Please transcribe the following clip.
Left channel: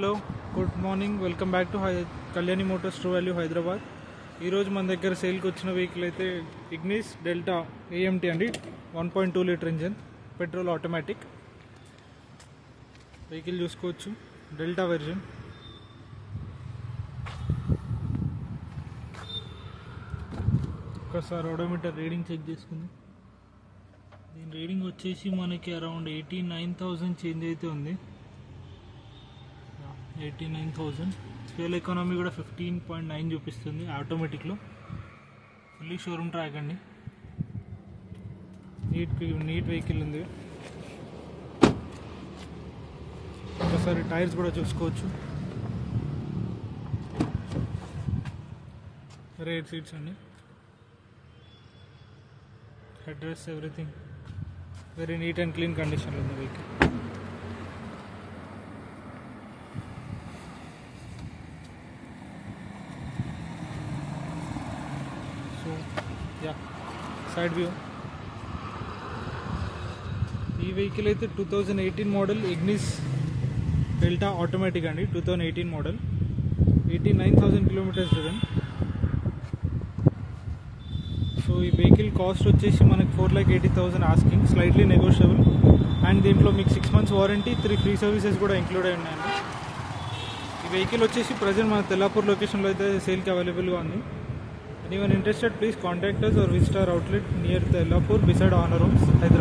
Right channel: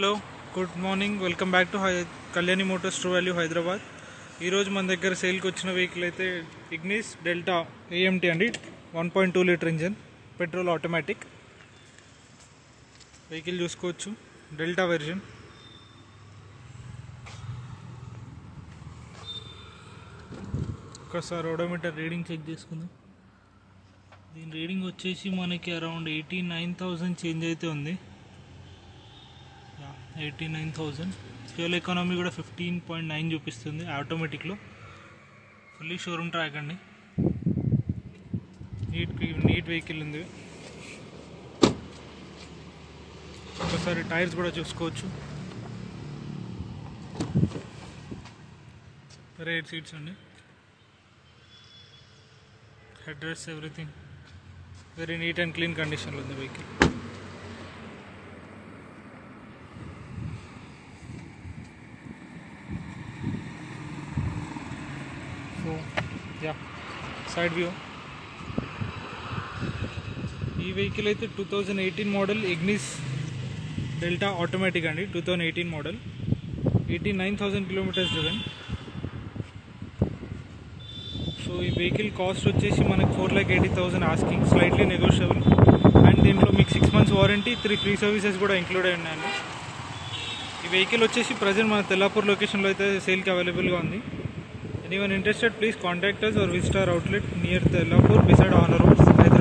Hello, good morning. Welcome back to Kalyani Motors true value Hyderabad. ఈరోజు మన దగ్గర సేల్కి వచ్చిన వెహికల్ అయితే ఇగ్నిస్ డెల్టా AMT అండి. 1.2 litre engine, petrol automatic vehicle చూసుకోవచ్చు. Delta version. ఒకసారి ఓడోమీటర్ రీడింగ్ చెక్ చేసుకుందాం. దీని రీడింగ్ వచ్చేసి మనకి అరౌండ్ 89,000 చేంజ్ అయితే ఉంది. 89,000. ఫ్యూయల్ ఎకానమీ కూడా 15.9 చూపిస్తుంది ఆటోమేటిక్లో. ఫుల్లీ షోరూమ్ ట్రాక్ అండి. నీట్ వెహికల్ ఉంది. ఒకసారి టైర్స్ కూడా చూసుకోవచ్చు. రేర్ సీట్స్ అండి. Head rest everything very neat and clean కండిషన్లో ఉంది వెహికల్. So side view. ఈ వెహికల్ అయితే 2018 మోడల్ ఇగ్నిస్ డెల్టా ఆటోమేటిక్ అండి. 2018 మోడల్, 89,000 కిలోమీటర్స్ డ్రివెన్. సో ఈ వెహికల్ కాస్ట్ వచ్చేసి మనకి 4,80,000 ఆస్కింగ్, స్లైట్లీ నెగోషియబుల్. అండ్ దీంట్లో మీకు 6 months వారంటీ, 3 ఫ్రీ సర్వీసెస్ కూడా ఇంక్లూడ్ అయి ఉన్నాయండి. ఈ వెహికల్ వచ్చేసి ప్రజెంట్ మన తెల్లాపూర్ లొకేషన్లో అయితే సేల్కి అవైలబుల్గా ఉంది. Anyone interested, please contact us or visit our outlet near Tellapur beside Honor Road, Hyderabad.